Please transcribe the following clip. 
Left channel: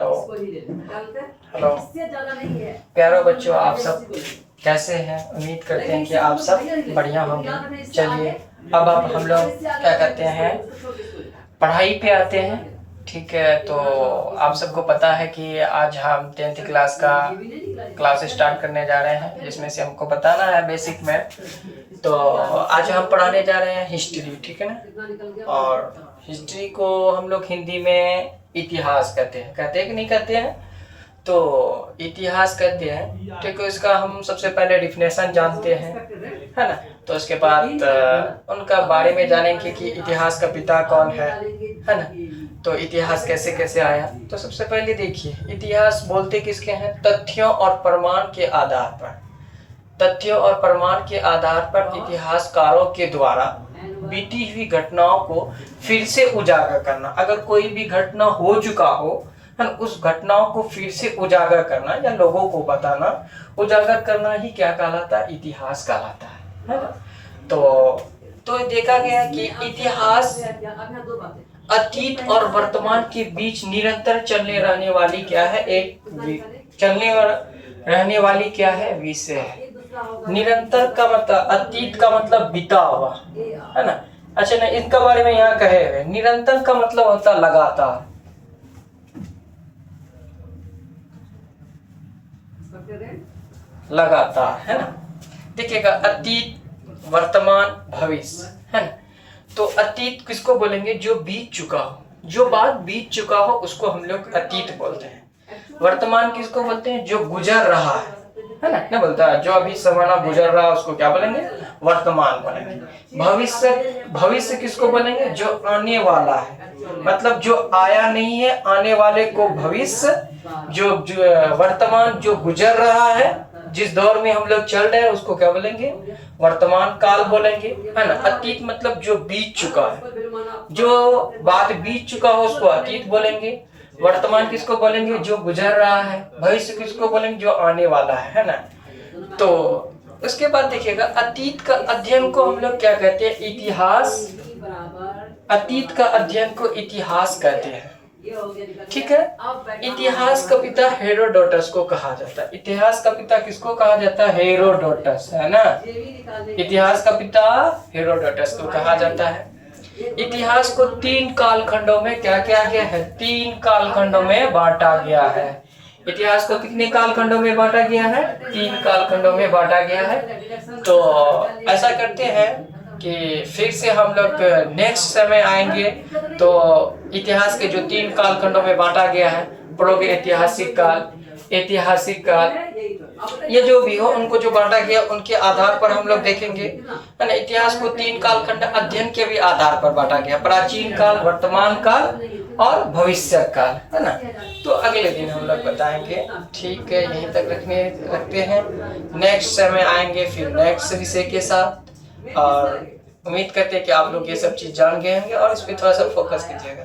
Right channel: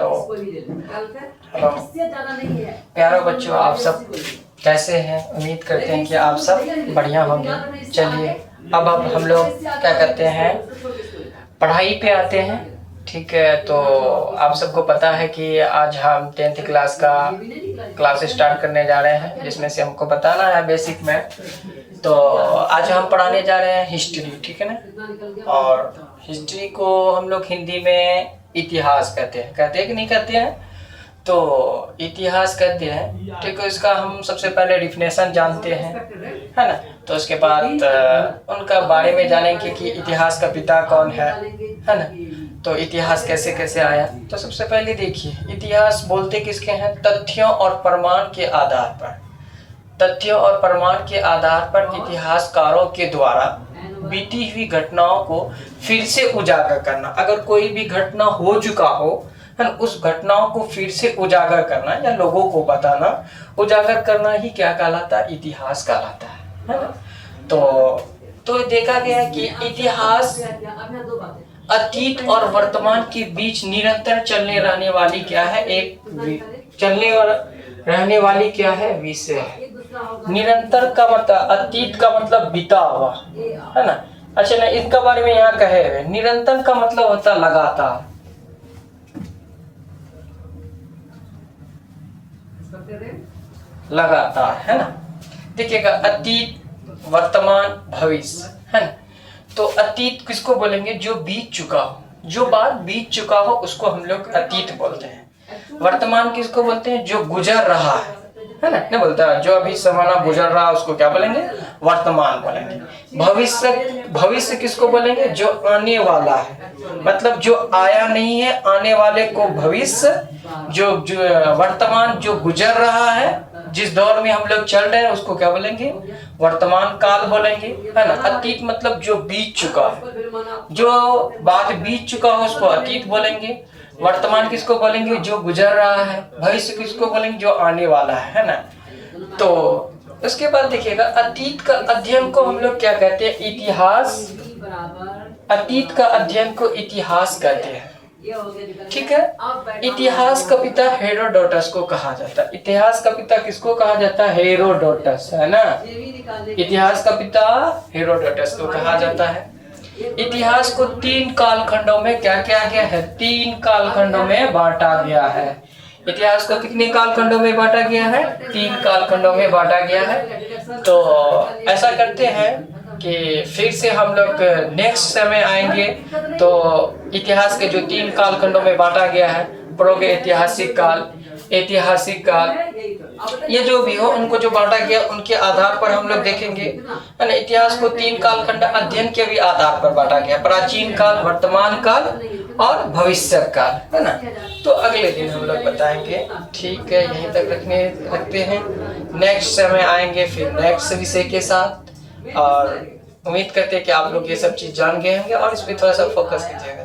तो हेलो प्यारो बच्चों, आप सब कैसे हैं? उम्मीद करते हैं कि आप सब बढ़िया होंगे। चलिए अब हम लोग क्या करते हैं, पढ़ाई पे आते हैं। ठीक है, तो आप सबको पता है कि आज हम 10th क्लास का क्लास स्टार्ट करने जा रहे हैं, जिसमें से हमको बताना है बेसिक में। तो आज हम पढ़ाने जा रहे हैं हिस्ट्री, ठीक है ना। और हिस्ट्री को हम लोग हिंदी में इतिहास कहते हैं कि नहीं कहते हैं? तो इतिहास कहते हैं, ठीक है। इसका हम सबसे पहले डिफिनेशन जानते हैं, है ना। तो उसके बाद उनका बारे में जानेंगे कि इतिहास का पिता कौन है ना। तो इतिहास कैसे कैसे आया। तो सबसे पहले देखिए, इतिहास बोलते किसके हैं? तथ्यों और प्रमाण के आधार पर, तथ्यों और प्रमाण के आधार पर इतिहासकारों के द्वारा बीती हुई घटनाओं को फिर से उजागर करना। अगर कोई भी घटना हो चुका हो, है ना, उस घटनाओं को फिर से उजागर करना या लोगों को बताना, उजागर करना ही क्या कहलाता है? इतिहास कहलाता है ना। तो देखा गया कि इतिहास अतीत और वर्तमान के बीच निरंतर चलने रहने वाली क्या है? चलने और रहने वाली क्या है? विषय है। निरंतर का मतलब, अतीत का मतलब बीता हुआ, है ना। अच्छा ना, इसका बारे में यहाँ कहे हुए निरंतर का मतलब होता लगातार। लगातार, है ना। देखिएगा, अतीत, वर्तमान, भविष्य, है ना। तो अतीत किसको बोलेंगे? जो बीत चुका हो, जो बात बीत चुका हो उसको हम लोग अतीत बोलते हैं। वर्तमान किसको बोलते हैं? जो गुजर रहा है ना, नहीं बोलता जो अभी जमाना गुजर रहा है उसको क्या बोलेंगे? वर्तमान बोलेंगे। भविष्य, भविष्य किसको बोलेंगे? जो आने वाला है, मतलब जो आया नहीं है, आने वाले को भविष्य। जो वर्तमान, जो गुजर रहा है, जिस दौर में हम लोग चल रहे हैं उसको क्या बोलेंगे? वर्तमान काल बोलेंगे, है ना। अतीत मतलब जो बीत चुका है, जो बात बीत चुका हो उसको अतीत बोलेंगे। वर्तमान किसको बोलेंगे? जो गुजर रहा है। भविष्य किसको बोलेंगे? जो आने वाला है ना। तो उसके बाद देखिएगा, अतीत का अध्ययन को हम लोग क्या कहते हैं? इतिहास। अतीत का अध्ययन को इतिहास कहते हैं, ठीक है। इतिहास का पिता हेरोडोटस को कहा जाता है। इतिहास का पिता किसको कहा जाता है? हेरोडोटस, है ना। इतिहास का पिता हेरोडोटस को कहा जाता है। इतिहास को 3 कालखंडों में क्या किया गया है? 3 कालखंडों में बांटा गया है। इतिहास को कितने कालखंडों में बांटा गया है? 3 कालखंडों में बांटा गया है। तो ऐसा करते हैं कि फिर से हम लोग नेक्स्ट समय आएंगे तो इतिहास के जो 3 कालखंडों में बांटा गया है, प्रागैतिहासिक काल, ऐतिहासिक काल, ये जो भी हो उनको जो बांटा गया उनके आधार पर हम लोग देखेंगे, है ना। इतिहास को 3 कालखंड अध्ययन के भी आधार पर बांटा गया, प्राचीन काल, वर्तमान काल और भविष्य काल, है ना। तो अगले दिन हम लोग बताएंगे, ठीक है। यहीं तक रखते हैं। नेक्स्ट समय आएंगे फिर नेक्स्ट विषय के साथ, और उम्मीद करते हैं कि आप लोग ये सब चीज जान गए होंगे और इस पर थोड़ा सा फोकस कीजिएगा।